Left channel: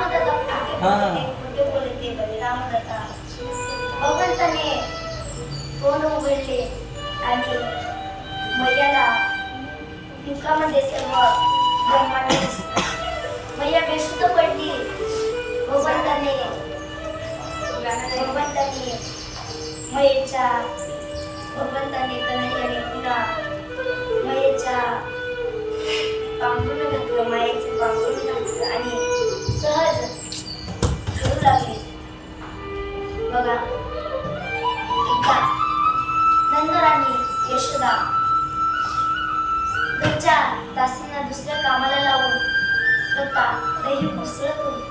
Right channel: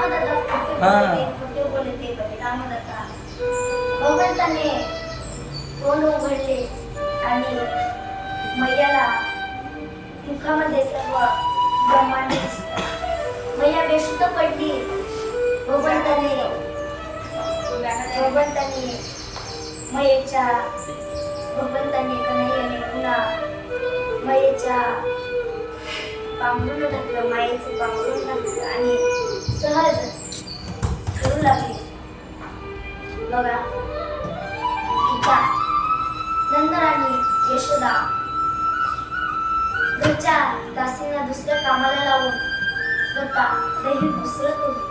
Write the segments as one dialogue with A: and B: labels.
A: रामदादा खोटे
B: हा.
A: बोलते रामदादा भगवंताने तोंड उघडले आणि मैयाला मुखामध्ये सर्व ब्रह्मांड मैया बेशुद्ध पडली भगवंताने भगवंताने मयेच्या भगवंताने कन्हैयाने पुन्हा मयेच्या पांघरून घातलं मायेचं पांघरून घातलं आणि सहज ठरू लागले. बघा एकदा नंतर यशोदा घरच्या दासींना दुसऱ्या कामाला लावून स्वतः दही घुसळत होती.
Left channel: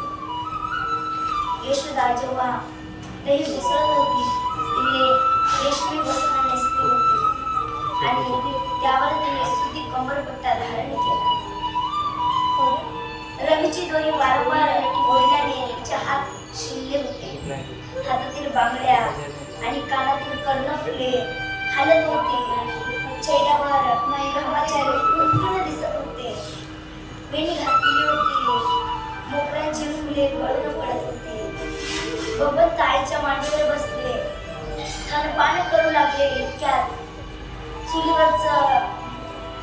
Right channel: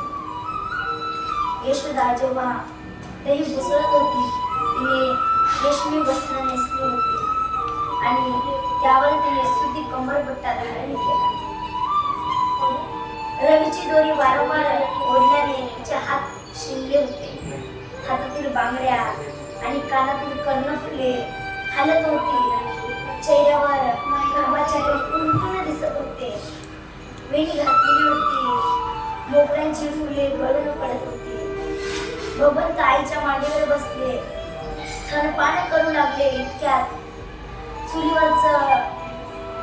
A: यशोदा जेव्हा दही घुसळत होती तिने रेशमी वस्त्र नेसली होती आणि त्यावर तिने सुती कंबरपट्टा धारण केला. रवीची दोरी वारंवार ओढल्याने तिचे हात शिल्ले होते. हातातील बांगड्या आणि कानातील कर्णफुले हालत होती. चेहऱ्यावर घामाचे उंटून दिसत होते. वेणी घातलेली होती. मोगऱ्यांची फुले गळून पडत होती. भगवंत आईच्या मांडीवर बसले. स्तनपान करू लागले इतक्यात. चुलीवरच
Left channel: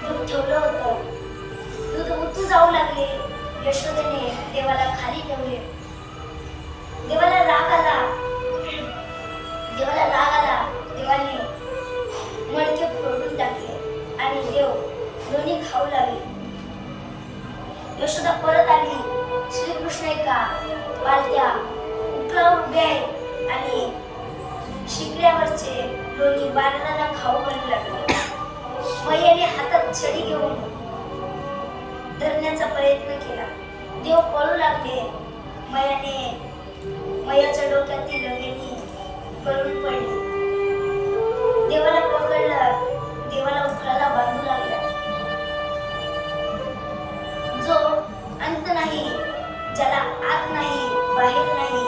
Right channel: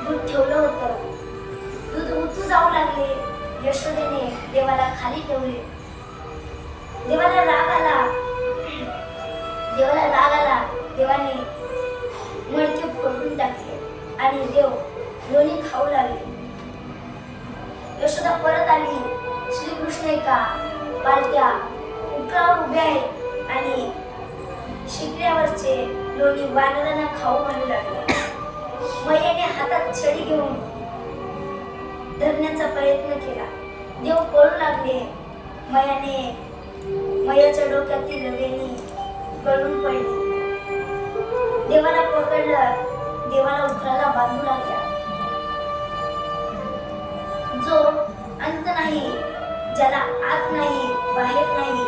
A: दूध ठेवलं होतं. यशोदेने देवाला खाली ठेवले. देवाला राग आला. देवाला राग आला. देवाने मडके फोडून टाकले आणि देव लोणी खाऊ लागले. यशोदा परत आली. श्रीकृष्ण एका पालत्या उकलावर उभे आहेत आणि शिकड्यावरचे लोणी वानरांना खाऊ घालू लागले. मैयाने हातात छडी घेऊन धरण्याचा प्रयत्न केला. देव पळू लागले. मयाने मयाच्या डोक्यातील वेणी गळून पडली. देवाला पकडलं देवाला उखळाला बांधू लागला जो अंत नाही ज्याला आत नाही बाहेर नाही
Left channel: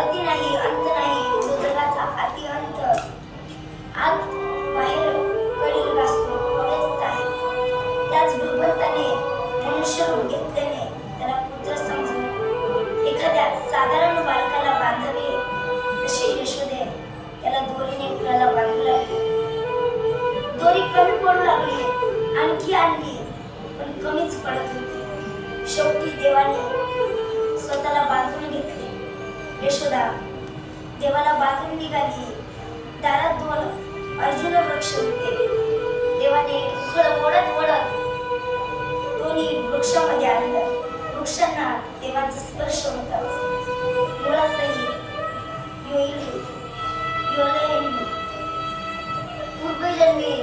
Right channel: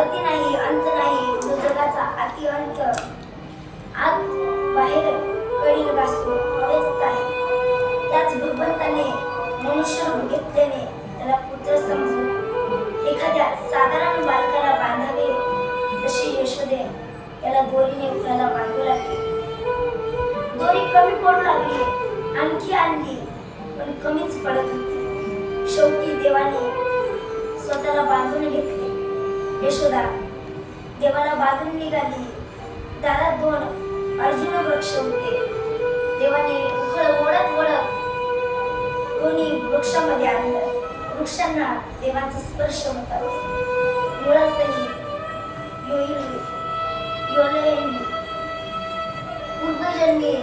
A: अति नाही अंत नाही जो जगाचा अति अंत. आत बाहेर कडील घासून मनुष्य रूप घेतल्याने त्याला पुत्र समजून एखाद्या साधारण बालकाला बांधावे तशी यशोदे त्याला दोरीने उखळाला बांधू लागली. दोरी कमी पडू लागली आणखी आणली पण कमीच पडत होती. शेवटी देवाने स्वतःला बांधून घेतले. यशोदा देवाला बांधून निघाली. दारात दोन अर्जुन वृक्ष होते. देवाने उखळ ओढत ओढत दोन्ही वृक्षामध्ये आणलं वृक्षांना देवाचा स्पर्श होताच मुळासही योईल योलयनी पूर्वजन्मी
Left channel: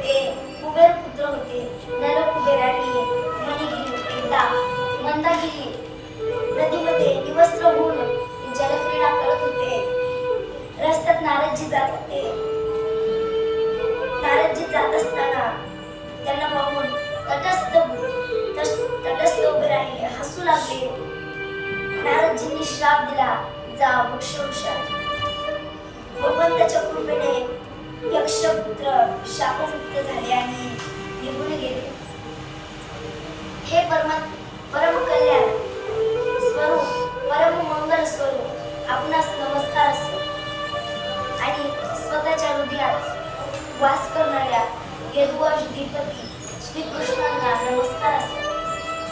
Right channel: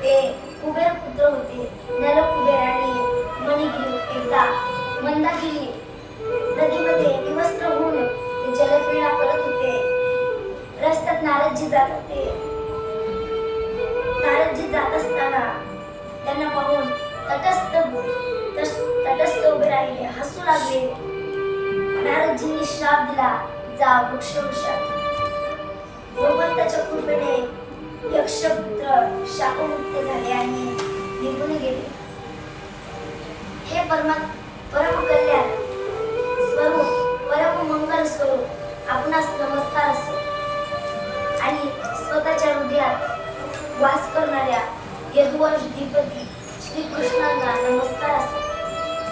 A: ते कुबेर पुत्र होते. नल कुबेर आणि मणिगिरी एकदा मंदागिरी नदीमध्ये निवस्त्र होऊन ते जलक्रीडा करत होते. रस्त्यात नारदजी जात होते. नारदजी जात असताना त्यांना पाहून तटस्थ तटस्थ उभे राहिले हसू लागले. नारदजींनी श्राप दिला जा वृक्ष वृक्षात भगवंताच्या कृपेने यक्षपुत्र शापमुक्त झाले आणि निघून गेले. हे परमा परम कल्याण स्वरूप परम मंगल स्वरूप आपणास नमस्कार असो. आणि स्वतःच्या हृदयात वास करणाऱ्या यदुवंश दीपती श्रीकृष्णांना नमस्कार असो.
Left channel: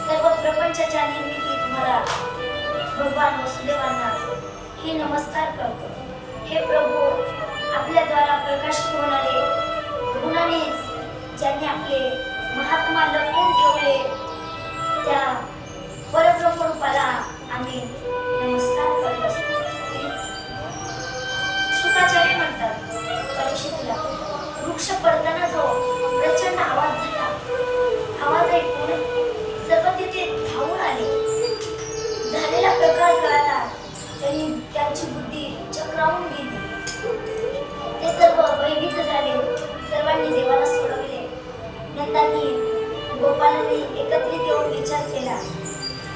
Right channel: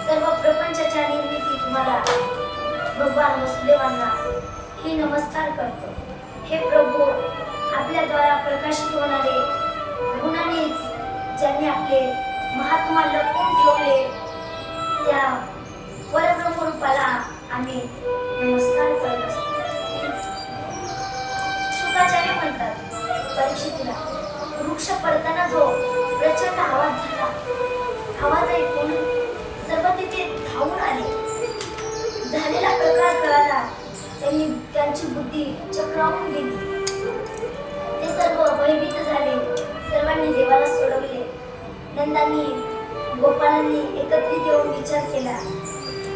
A: सर्व प्रपंचाच्या निर्मितीत मला भगवान वसुदेवांना हे नमस्कार करतो. हे प्रभू आपल्याद्वारा प्रकाशित होणारे गुणानेच ज्यांनी आपले महात्मा लपवून ठेवले त्या परब्रह्म रूपाला आम्ही नमस्कार करत असतो. शुकाचार्य म्हणतात परीक्षितला वृक्ष पडताना जो प्रचंड त्यांची बुद्धी चक्रावून गेली. ते सर्व भयभीत झाले. सर्वांनी देवाला सोडवले. नंदांनी गोपालांनी एकत्रित येऊन विचार केला.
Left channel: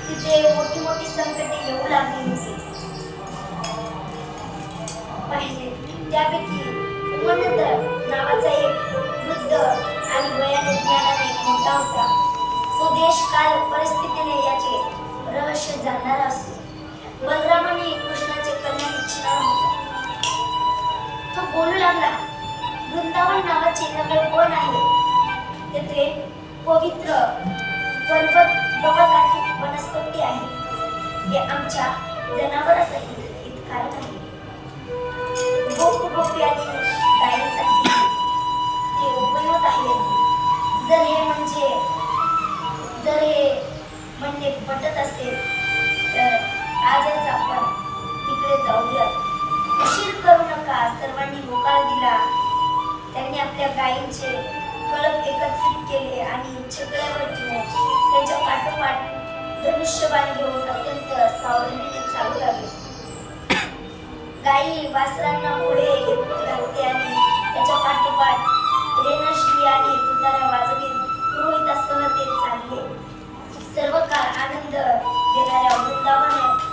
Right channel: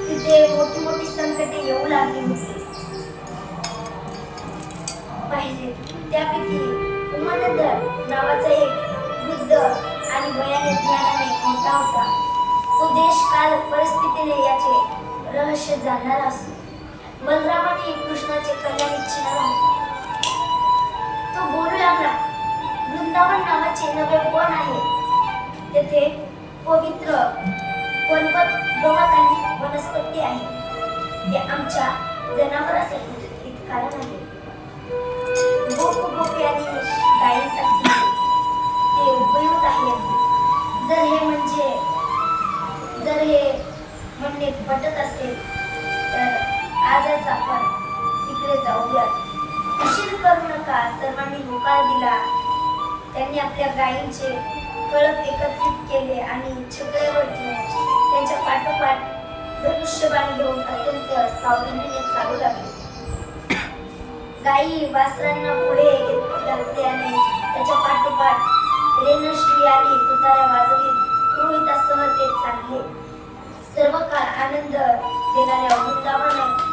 A: तिथे मोठी मोठी संकटे येऊ लागली होती. पाहिले त्यापैकी उमानंद नावाचा एक वृद्ध आणि वयाने ज्ञानाने मोठा होता. तो देश काल परिस्थितीने याचे रहस्य जाणणारा असतो. बलरामाने कृष्णाचे कल्याण इच्छिणार तो बोलू लागला वृंदावन नावाचे नवे वन आहे. तेथे पवित्र पर्वत गवत आणि वनस्पती आहे. ते आमच्या जनावरांसाठी हितकारक आहे. गोप गोपी आणि गायीसाठी ते उपयुक्त आहे जर हे म्हणजे जर हे म्हणणे पटत असेल तर आजच आपण तिकडे जाऊयात. उशीर करू नका. सर्वांनी होकार दिला. त्यांनी आपल्या गायींचे कळप एकत्रित केले आणि छकड्यावर ठेवून त्यांच्या पाठोपाठ धनुष्यबाण घेऊन अत्यंत सावधानीने चालू लागले गायी वासरांना पुढे घेत घातले आणि त्याच्या पाठोपाठ रेणश्री आणि तुतारा वाजवीत पुरोहितासह ते चालले. सर्व काळ आनंद देणाऱ्या वृंदावनात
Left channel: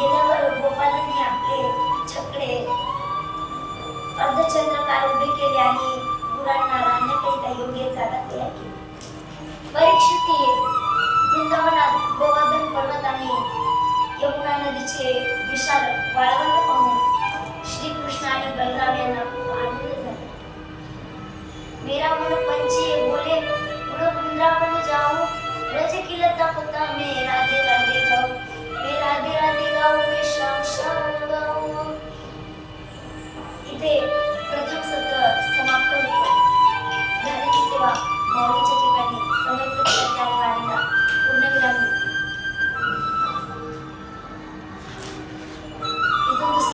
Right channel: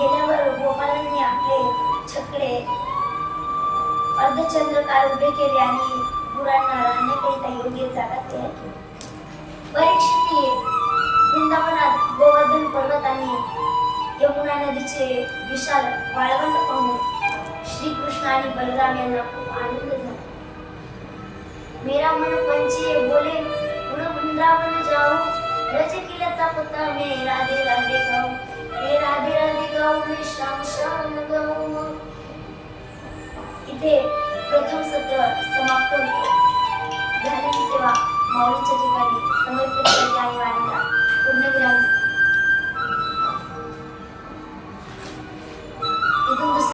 A: गेल्यावर गोपालांनी आपले छकडे अर्धचंद्रकार उभे केले आणि गुरांना राहण्याकरिता योग्य जागा तयार केली. परीक्षिती वृंदावनात गोवर्धन पर्वताने यमुना नदीचे विशाल वाळवंट पाहून श्रीकृष्ण आणि बलराम यांना खूप आनंद झाला. मेरा मन पंचे बोले उड़ वृंदावन जाऊ रज की लता पता में राधे राधे गाओ राधे राधे गाओ मी श्याम श्याम गाओ इथे प्रथम सत्र समाप्त होतो झालेली सेवा माऊलीच्या ठिकाणी समर्पित प्रत्येक आणि वाणीला पूर्णविराम होते. इथून दुसरं